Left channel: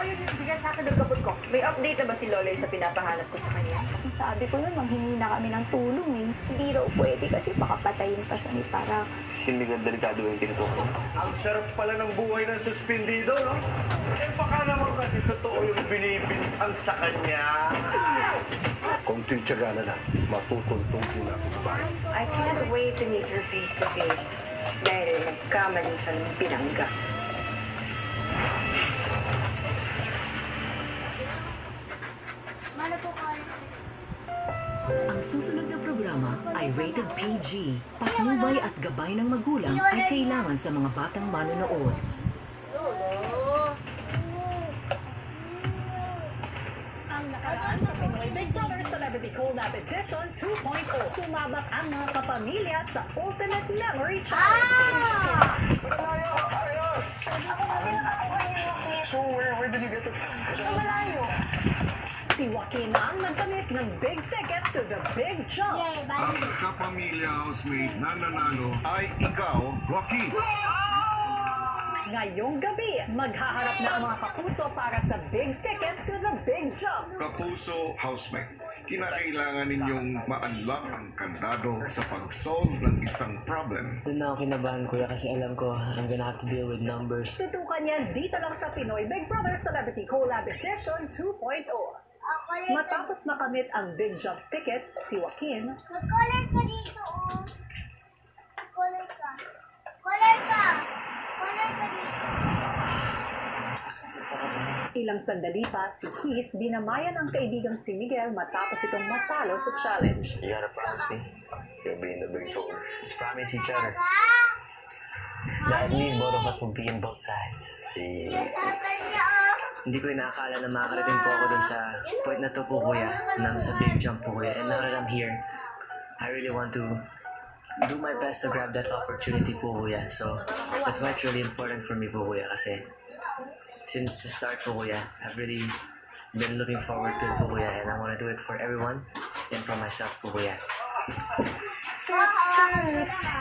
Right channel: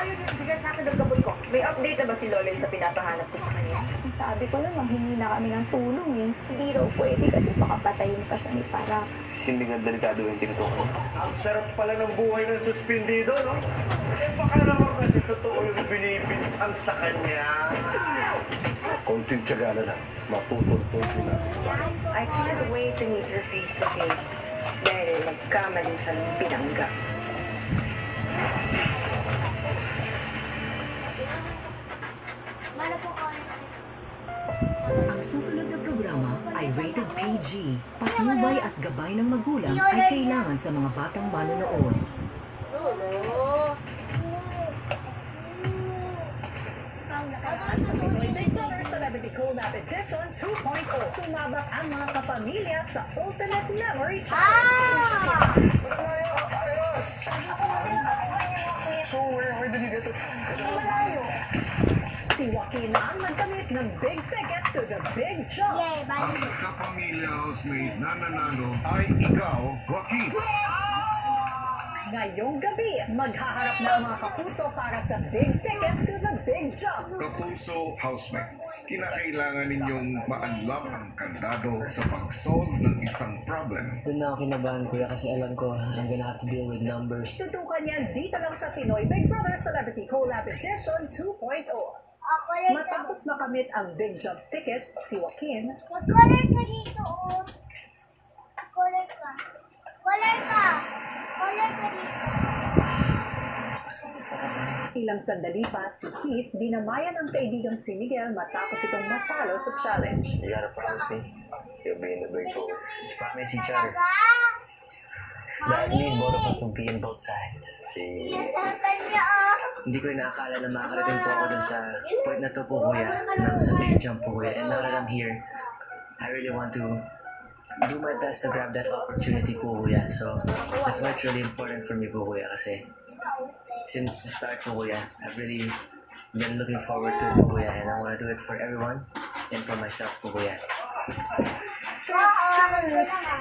Ayaw niyo bigyan sa akin ng gamot ko. May update na ba si Loloy sa pinapahanap ko sa kanya? Sabi ko lang, manghingi na kami ng tulong eh. Hindi raw pwede kasi baka patayin pa siya ni Para. Hindi nga delikado yung pinto ko. Ang sarap pala ng buhay ng suspendido, no? Eh, baka naman kasi totoo yung binibintang sa kanya. Konting tiyaga na lang, matutuntun din natin. I can't wait to meet her face to face. Dahil nagkamali siya ng pinangga. Ang susunod na programa ay rated PG. Patnubay at gabay ng magulang ay kailangan sa mga batang manonood. Ang nakaraan sa Pinoy Big Brother Celebrity Collab Edition 2.0. Sumabak ang mga kapamilya sa Ultimate Memory Challenge. So, where did you get it from? Malayo. Si Joaquin ang nagkamit ng big ticket to the big jump. Ang kapamilya housemate na nanalo ay ikaw, Rocky. Ngayong gabi, maghaharap na ang mga kapuso para sa big ticket to the big jump. Kapuso housemates, kinakailangan ninyong ma-unlock ang kandado sa pag-solve ng isang problem. Doon na ako kinabahan, kuya, kasi alam ko I'm gonna have to deal with numbers. Tutukan yan dito lang sa Pinoy Big Brother Celebrity Collab Edition 2.0. Matapos makamit ang big jump ticket, si Joaquin Mag-color ka dito, oh. Color ka. Color ka. Color ka dito. Ilang sandali pa, si Heath dinamayan ang kaibigang si Miguel matapos itong matalo sa challenge. You gotta promise me you'll be in the big four. Just promise each other that at least both of us will be in both sides. Nasasal niya, oh. Hindi ko inaakala na makakarating po ako dun sa point na to po, kuya, na sa big jump po, kuya. And now that I'm here, I really want to do my best to grab that opportunity po, kuya. So, that's why it's really important for me po, kuya, kasi since the start po, kuya, I've really been looking forward to it po, kuya, and I want to do it for everyone and for myself po, kuya.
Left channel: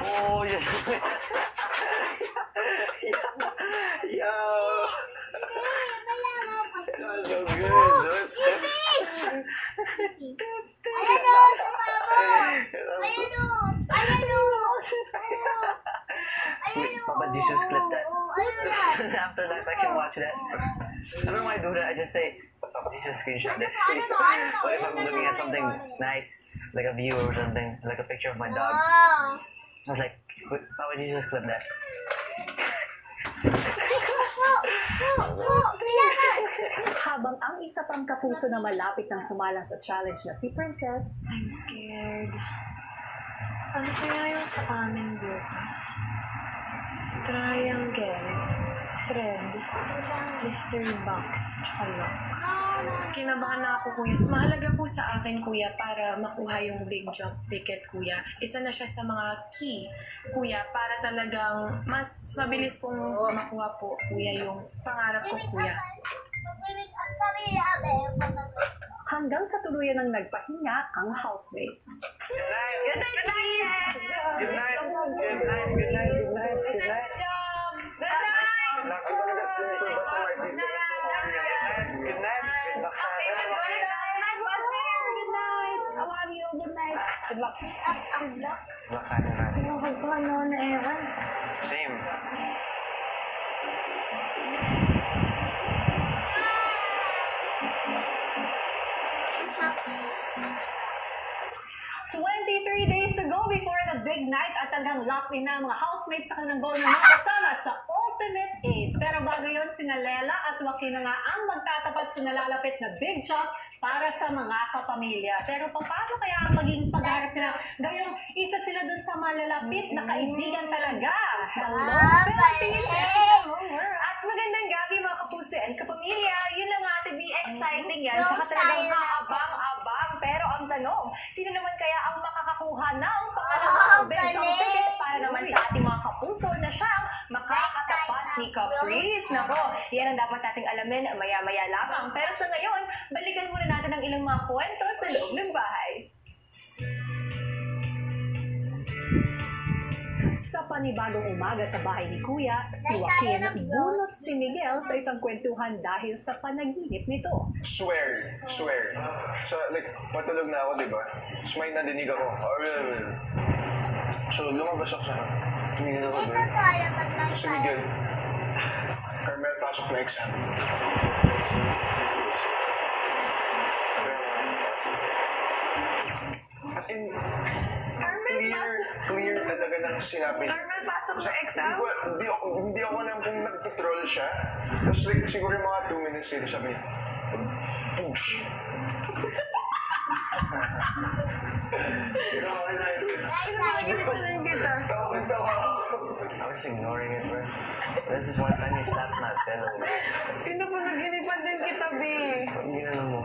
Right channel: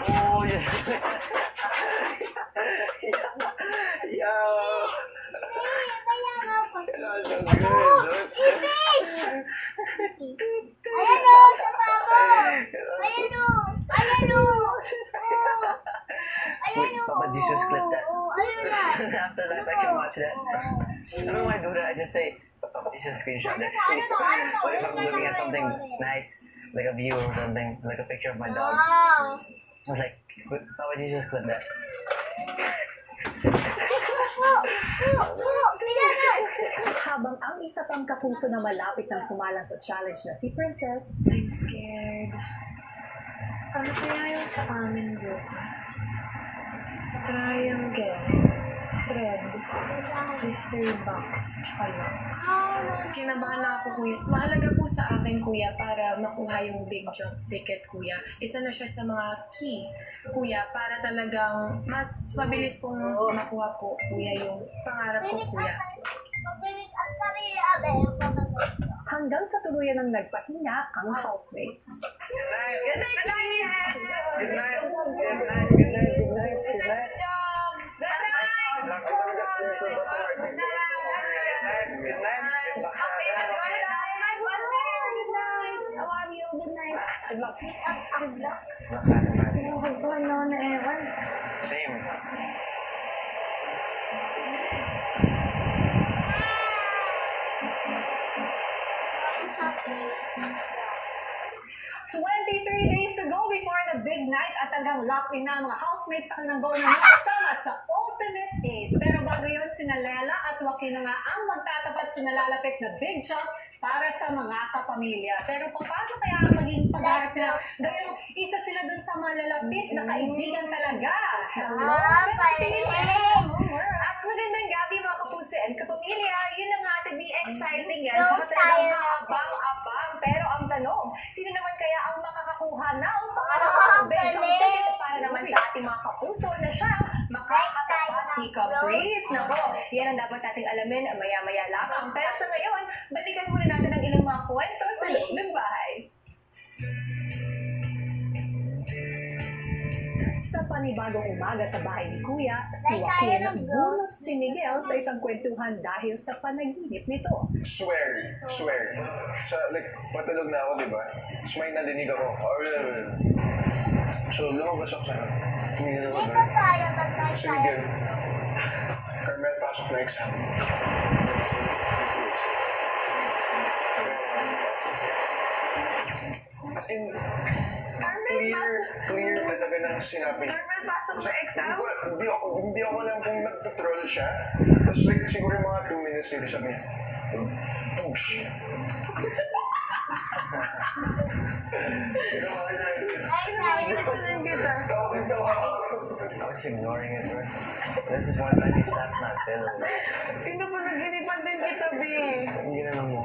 Oh, yes. Yo! So good, look. Ayan o, sa mama. Ayan o. Ayan o. Ayan o. Papa Jesus clip that. Ayun na. So in the afterlife, I can watch that. I don't know why I do that. I just say, Papa Jesus screenshot this. Or if I'm looking at something nice, like a view or something, like a picture of my dog, Wow. I was like, Papa Jesus clip that. Habang ang isa pang kapuso na malapit nang sumalang sa challenge na si Princess, I'm scared. Ano kaya yung sa amin bukas? Triangle, thread, mystery box, tsaka lock. Kinabahan na ako, kuya. Mahalaga po sa akin, kuya, para makuha yung big jump ticket, kuya. Isa na siya sa mga key, kuya, para talagang mas mabilis pong makuha po, kuya, yung pangarap ko, kuya. Mag-make up kami, abe. hanggang sa tuluyan ng nagpahinga ang housemates. Good night. Good night. Good night. Good night. Good night. Good night. Good night. Good night. Good night. How are you? Good night. Good luck. Good luck. Luck sa akin natin. Huwag ko ano na ewan. Same. Days to go before the big night at talagang locked in na ang mga housemates sa kanilang goal na makasama sa Ultimate 8. Pero bago yun, sina Lela at Joaquin na nga ang magtatapat sa nalalapit na big jump para sa mga kapamilya. Pero paano kaya ang maging pagharap nila? Gayong isa sila dun sa malalapit na kaibigan talaga. Hello, Philippines! At magandang gabi mga kapuso and kapamilya. Yun ang ating exciting yan. Saka talagang abang-abang. Pero ang tanong, sino naman kaya ang makakakuha ng pangalawang big jump ticket para naman sa ating mga kapuso na siyang makakatapat ni Caprice? Nako, yan ang dapat nating alamin maya-maya lamang. Pero sa ngayon, balikan muna natin ang ilang mga kwento sa loob ng bahay. Sa panibagong umaga sa bahay ni Kuya, si Joaquin bunot si Miguel sa isang kwentuhan dahil sa panaginip nito. Swear. So, like, patulog na ako, di ba? Tapos may nadinig ako. So, lumabas ako sa tumingin ako Dito doon. tayo pag Si Miguel, Carmel, pasok na exam. As in, clear talaga ng sinabi. Carmel, pasok sa exam? Hindi ako alam kung nag-troll siya. Tapos like, siguro yung mga 2 minutes later sabi niya, push. I was ignoring it, bro. This is one time you slapped my pillow. Pinapanaginipan din kita, be. Hindi na mo.